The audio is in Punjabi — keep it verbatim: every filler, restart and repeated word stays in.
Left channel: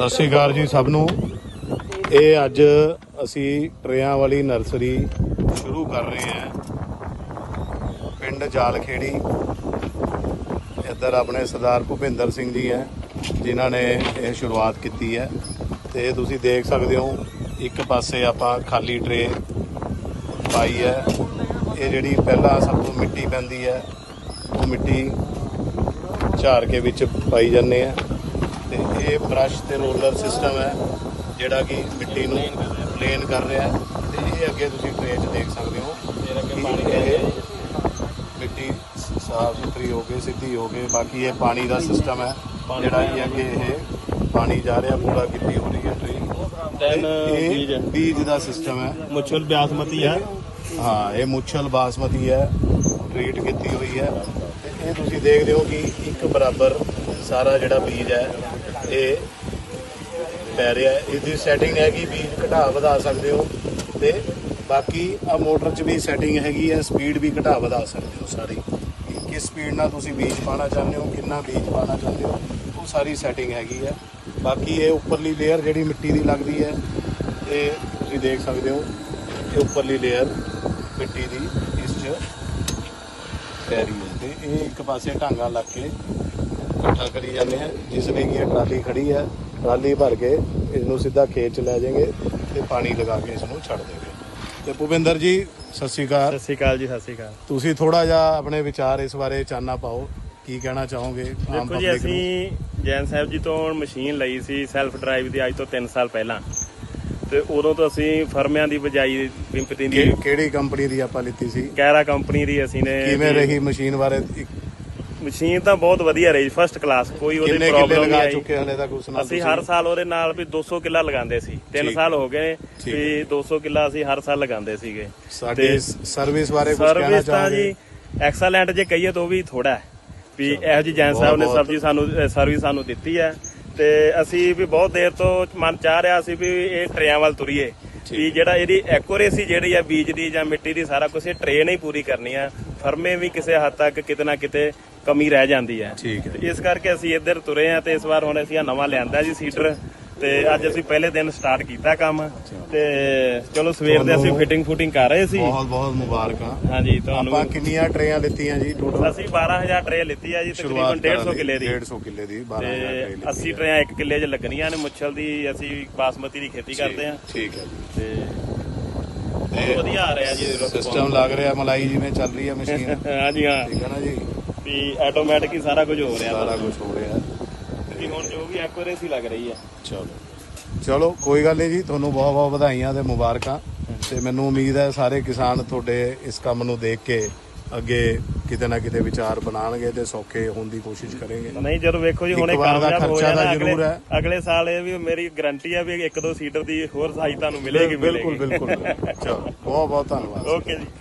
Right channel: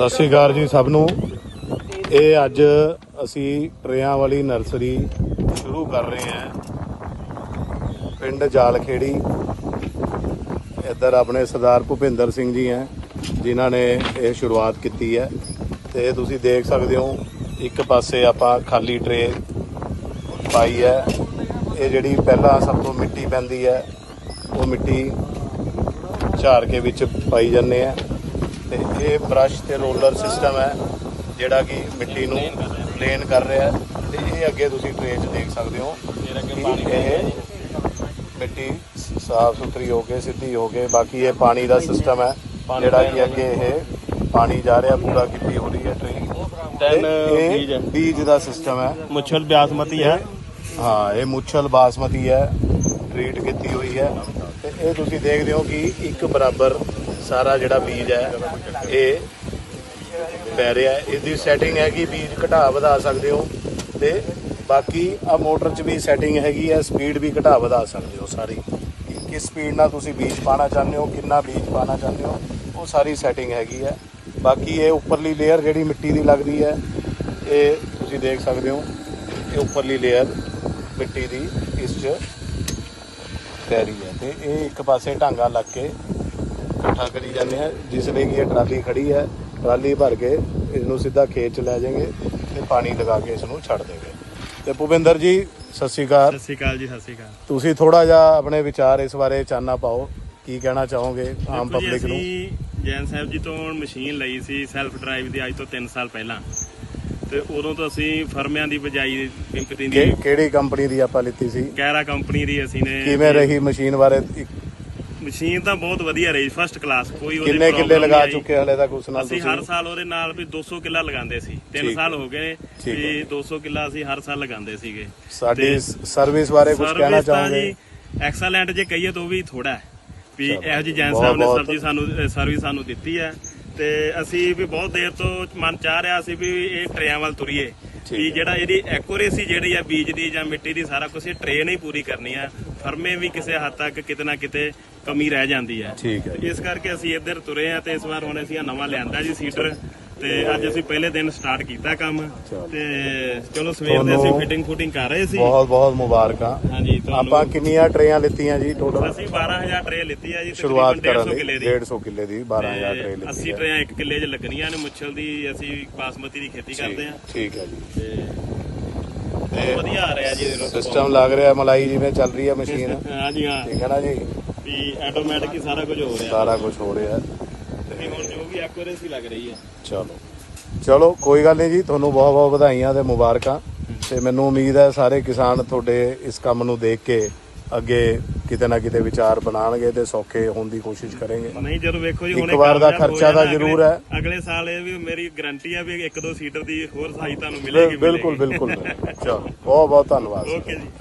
ਸਤਿ ਸ਼੍ਰੀ ਅਕਾਲ ਜੀ ਸਭ ਨੂੰ। ਇਹ ਅੱਜ ਅਸੀਂ ਟਰੇਆਂ ਵਾਲੀ ਨਰਸਰੀ ਸ਼ੁਰੂ ਕਰ ਰਹੇ ਹਾਂ ਪਿੰਡ ਜਾਲਖੇੜੀ। ਇੱਧਰ ਆਪਣੇ ਸਰਦਾਰ ਭੁਪਿੰਦਰ ਸਿੰਘ ਜੀ ਹੈ ਜਿਨ੍ਹਾਂ ਨੇ ਇਹ ਸ਼ੁਰੂਆਤ ਕੀਤੀ ਹੈ। ਤੇ ਤੁਸੀਂ ਦੇਖ ਸਕਦੇ ਹੋ ਇੱਕ ਪਾਸੇ ਆਪਾਂ ਖਾਲੀ ਟਰੇ ਪਾਈ ਹੈ। ਇਹ ਜਿਹੜੀ ਪਹਿਲਾਂ ਸਭ ਤੋਂ ਮਿੱਟੀ ਪੈਂਦੀ ਹੈ ਉਹ ਮਿੱਟੀ ਝਾੜ ਕੇ ਵਿੱਚ ਪਾਈ ਜਾਂਦੇ ਆ। ਤੇ ਇਹ ਬਰਸ਼ ਤੇ ਰੋਲਰ ਸਿਸਟਮ ਹੈ ਜਿਹੜਾ ਕਿ ਮਿੱਟੀ ਨੂੰ ਪਲੇਨ ਕਰ ਰਿਹਾ। ਤੇ ਇਹ ਅੱਗੇ ਤੁਸੀਂ ਟਰੇ 'ਚ ਦੇਖ ਸਕਦੇ ਹੋ ਕਿ ਇਹ ਮਿੱਟੀ ਸਾਫ ਸੁਥਰੀ ਹੋ ਕੇ ਸਿੱਧੀ ਹੋ ਕੇ। ਬਾਕੀ ਇਹ ਪਾਣੀ ਦਾ ਸਿਸਟਮ ਹੈ ਜਿਹੜਾ ਕਿ ਅੱਗੇ ਇਹ ਪਾਣੀ ਜਾ ਰਿਹਾ ਪੂਰਾ ਕੀਤੀ ਹੋ ਰਹੀ ਹੈ ਟਰੀ। ਇਹ ਬੀਜ ਦਾ ਸਿਸਟਮ ਹੈ। ਮੁੱਛਲ ਬਾਸਮਤੀ ਹੈ। ਹਾਂ ਇਹ ਮੁੱਛਲ ਬਾਸਮਤੀ ਹੈ ਟ੍ਰੀਟ ਕੀਤੀ ਹੋਈ ਹੈ। ਤੇ ਇਹ ਤੁਸੀਂ ਦੇਖਦੇ ਹੋ ਕਿ ਇੱਕ ਬਰਾਬਰ ਸਾਰਾ ਜਿਹੜਾ ਬੀਜ ਹੈ ਇਹ ਪੈ ਰਿਹਾ। ਇਹਦੀ ਸੈਟਿੰਗ ਹੈ ਕਿ ਬੀਜ ਘਟਾ ਵਧਾ ਸਕਦੇ ਹੋ। ਤੇ ਬਾਕੀ ਆ ਮੋਟਰ 'ਚ ਵੀ ਸੈਟਿੰਗ ਹੈਗੀ ਹੈ, ਸਪੀਡ ਵੀ ਘਟਾ ਵਧਾ ਸਕਦੇ ਹੋ ਸਾਰੀ। ਕਿਸ ਸਪੀਡ ਨਾਲ ਤੁਸੀਂ ਬੀਜ ਪਾਉਣਾ ਚਾਹੁੰਦੇ ਹੋ, ਕਿੰਨਾ ਬੀਜ ਪਾਉਣਾ ਚਾਹੁੰਦੇ ਹੋ, ਉਹ ਸਾਰੀ ਸੈਟਿੰਗ ਹੈਗੀ ਹੈ। ਬਾਕੀ ਇਹ ਉੱਪਰਲੀ ਲੇਅਰ ਜਿਹੜੀ ਮਿੱਟੀ ਦੀ ਲੱਗਦੀ ਹੈ ਇਹ ਤੁਸੀਂ ਦੇਖ ਸਕਦੇ ਹੋ ਇਹ ਉੱਪਰਲੀ ਲੇਅਰ ਮਿੱਟੀ ਦੀ ਇਸ 'ਚ ਪੈ ਰਹੀ ਹੈ। ਤੇ ਇਹ ਇੱਕ ਪਾਸੇ ਢਾਂਗਾ ਲੱਗ ਕੇ ਇਕੱਠਾ ਕਰੀ ਜਾਂਦੇ ਹੈ। ਜਿਸ ਵੀ ਇਹ ਟਰਾਲੀ ਖੜੀ ਹੈ ਟਰਾਲੀ ਭਰ ਕੇ ਇਹਨੂੰ ਸਿੱਧਾ ਖੇਤ 'ਚ ਲੈ ਜਾਏਗੇ ਤੇ ਪਾਣੀ ਲਗਾ ਕੇ ਇਸ ਨੂੰ ਛੱਡ ਦੇਗੇ। ਤੇ ਭੁਪਿੰਦਰ ਜੀ ਸਤਿ ਸ਼੍ਰੀ ਅਕਾਲ। ਸਤਿ ਸ਼੍ਰੀ ਅਕਾਲ ਜੀ। ਸਤਿ ਸ਼੍ਰੀ ਅਕਾਲ। ਤੁਸੀਂ ਥੋੜਾ ਜਿਹਾ ਆਪਣੇ ਵਿਚਾਰ ਇਸ ਬਾਰੇ ਚਾਨਣਾ ਪਾਓ, ਕੀ ਕਹਿਣਾ ਚਾਹੋਗੇ? ਦੇਖੋ ਜੀ, ਅਸੀਂ ਜੈਨ ਸਾਹਿਬ ਜੀ ਤੋਂ ਮਸ਼ੀਨ ਲਈ ਸੀ ਸੈਲਫ ਡਰਾਈਵ ਦੀ ਅੱਜ ਤੋਂ ਤਿੰਨ ਸਾਲ ਪਹਿਲਾਂ। ਤੇ ਉਦੋਂ ਤੋਂ ਅਸੀਂ ਫਰਮਿਆਂ ਦੀ ਬਜਾਈ ਪਿੰਪਟੀ ਦੀ ਕਿਹੜੀ ਕੰਪਨੀ ਦੀ ਆਪਾਂ ਲਿੱਤੀ ਸੀ? ਕੈਰਾ ਕੰਪਨੀ ਦੀ ਅਸੀਂ ਨੇ। ਕਿਵੇਂ ਰਹੀ ਮਸ਼ੀਨ ਬਾਰੇ? ਮਸ਼ੀਨ ਤਾਂ ਬਹੁਤ ਵਧੀਆ ਰਹੀ, ਫਸਟ ਕਲਾਸ, ਕੋਈ ਉਹਦੀ ਪ੍ਰੋਬਲਮ ਨਹੀਂ ਆਈ। ਅਸੀਂ ਹਰ ਸਾਲ ਉਹਦੇ ਨਾਲ ਵੀ ਦੋ ਸੌ ਕਿੱਲਾ ਲਗਾਉਂਦੇ ਸੀ। ਤਿੰਨ ਸਾਲ ਹੋ ਗਏ ਵੀ ਦੋ ਸੌ ਕਿੱਲਾ ਅਸੀਂ ਹਰ ਸਾਲ ਲਗਾਉਂਦੇ ਸੀਗੇ। ਤੇ ਸਰਵਿਸ ਬਾਰੇ ਸਰਵਿਸ ਤਾਂ ਜੀ ਐਕਸਲੈਂਟ ਜੇ ਕਹੀਏ ਤਾਂ ਉਹ ਵੀ ਥੋੜਾ ਹੈ ਵੀ ਇਹੋ ਜਿਹੀ ਜੈਨ ਸਾਹਿਬ ਨੇ ਸਬਜ਼ੀ ਸਾਨੂੰ ਸਰਵਿਸ ਸਾਨੂੰ ਦਿੱਤੀ ਹੈ। ਤੇ ਅਸੀਂ ਵੀ ਬਹੁਤ ਦੇਰ ਤੋਂ ਮਨ ਚਾਹ ਰਿਹਾ ਸੀ ਵੀ ਇਹ ਟਰੇਆਂ ਵੱਲ ਤੁਰੀਏ ਵੀ ਜਿਹੜਾ ਇਹਦੀ ਐਕੂਰੇਸੀ ਜਿਹੜੀ ਆ ਬੀਜ ਦੀ ਜਾਂ ਮਿੱਟੀ ਦੀ ਸਾਰਾ ਕੁਝ ਇਹ ਟਰੇ ਨਹੀਂ ਪੂਰੀ ਕਰਨੀ ਆ। ਫਰਮੇ ਵੀ ਕਿਸੇ ਹੱਦ ਤੱਕ ਕਿਤੇ ਨਾ ਕਿਤੇ ਕਮੀ ਰਹਿ ਜਾਂਦੀ ਹੈ। ਤੇ ਇਸ ਕਰਕੇ ਅਸੀਂ ਇੱਧਰ ਤੁਰੇ ਆ। ਤੇ ਇਸ ਵਾਰ ਹੁਣ ਅਸੀਂ ਆ ਨਵਾਂ ਲਿਆਂਦਾ ਜੀ ਸੀਡਰ। ਤੇ ਅੱਜ ਅਸੀਂ ਪਹਿਲੇ ਦਿਨ ਸਟਾਰਟ ਕੀਤਾ ਕੰਮ। ਤੇ ਚਲੋ ਸਵੇਰ ਦੇ ਅਸੀਂ ਫਿਟਿੰਗ ਫੁਟਿੰਗ ਕਰ ਰਹੇ ਸੀ। ਬਹੁਤ ਬਹੁਤ ਮੁਬਾਰਕਾਂ। ਹਾਂਜੀ ਆਪਾਂ ਕਿੰਨੀਆਂ ਟਰੇਆਂ ਲਿੱਤੀਆਂ ਜੀ ਟੋਟਲ? ਅਸੀਂ ਬਾਰਾਂ ਹਜ਼ਾਰ ਟਰੇ ਲਿੱਤੀ ਆ ਜੀ, ਤਕਰੀਬਨ ਡੇਢ ਸੌ ਕਿੱਲੇ ਦੀ। ਡੇਢ ਸੌ ਕਿੱਲੇ ਦੀ ਤੇ ਅੱਸੀ ਟਰੇਆਂ ਇੱਕ ਕਿੱਲੇ 'ਚ ਲੱਗਣੀਆਂ ਨੇ। ਮੁੱਛਲ ਦੀ ਅਸੀਂ ਬਾਸਮਤੀ ਦੀ ਖੇਤੀ ਕਰਦੇ ਆ। ਠੀਕ ਹੈ ਜੀ। ਤੇ ਬਹੁਤ ਵਧੀਆ ਆ ਰਿਹਾ ਜੀ ਸਿਸਟਮ ਲੱਗ ਰਿਹਾ, ਮਲਾਈ ਜਿਵੇਂ ਚੱਲ ਰਹੀ ਹੈ ਮਸ਼ੀਨ। ਹਾਂਜੀ ਹਾਂ ਠੀਕ ਹੈ ਨਾ ਜੀ, ਵੀ ਆਟੋਮੈਟਿਕ ਹੀ ਸਾਰਾ ਕੁਝ ਹੋ ਰਿਹਾ। ਸਾਰਾ ਕੁਝ ਹੋ ਰਿਹਾ ਵੀ ਹੁਣ ਜੋ ਵੀ ਐਕੂਰੇਸੀ ਲੱਗ ਰਹੀ ਹੈ। ਚਲੋ ਚਲੋ ਕੋਈ ਗੱਲ ਨਹੀਂ ਜੀ, ਤੁਹਾਨੂੰ ਬਹੁਤ ਬਹੁਤ ਵਧਾਈਆਂ ਤੇ ਮੁਬਾਰਕਾਂ। ਤੇ ਮੈਨੂੰ ਉਮੀਦ ਹੈ ਸਾਰੇ ਕਿਸਾਨ ਤੁਹਾਡੇ ਇਸ ਕੰਮ ਨੂੰ ਦੇਖ ਕੇ ਅੱਗੇ ਕਿਤੇ ਨਾ ਕਿਤੇ ਵਿਚਾਰ ਬਣਾਉਣਗੇ ਤੇ ਸੌਖੇ ਹੋਣ ਦੀ ਕੋਸ਼ਿਸ਼ ਕਰਨਗੇ। ਨਹੀਂ ਜਦੋਂ ਵੇਖੋ ਜੀ ਹੁਣੇ ਕਾਮਯਾਬ ਹੋ ਜਾਣਾ ਅਗਲੇ ਅਗਲੇ ਸਾਲ ਇਹ ਵੀ ਮੇਰੀ ਗਾਰੰਟੀ ਹੈ ਵੀ ਇੱਕ ਦੋ ਸੀਟਰ ਦੀ ਹੋਰ ਸਹਾਇਤਾ ਤੁਹਾਨੂੰ ਮਿਲੇਗੀ। ਬਿਲਕੁਲ ਬਿਲਕੁਲ। ਚਲੋ ਬਹੁਤ ਬਹੁਤ ਧੰਨਵਾਦ। ਓਕੇ ਜੀ।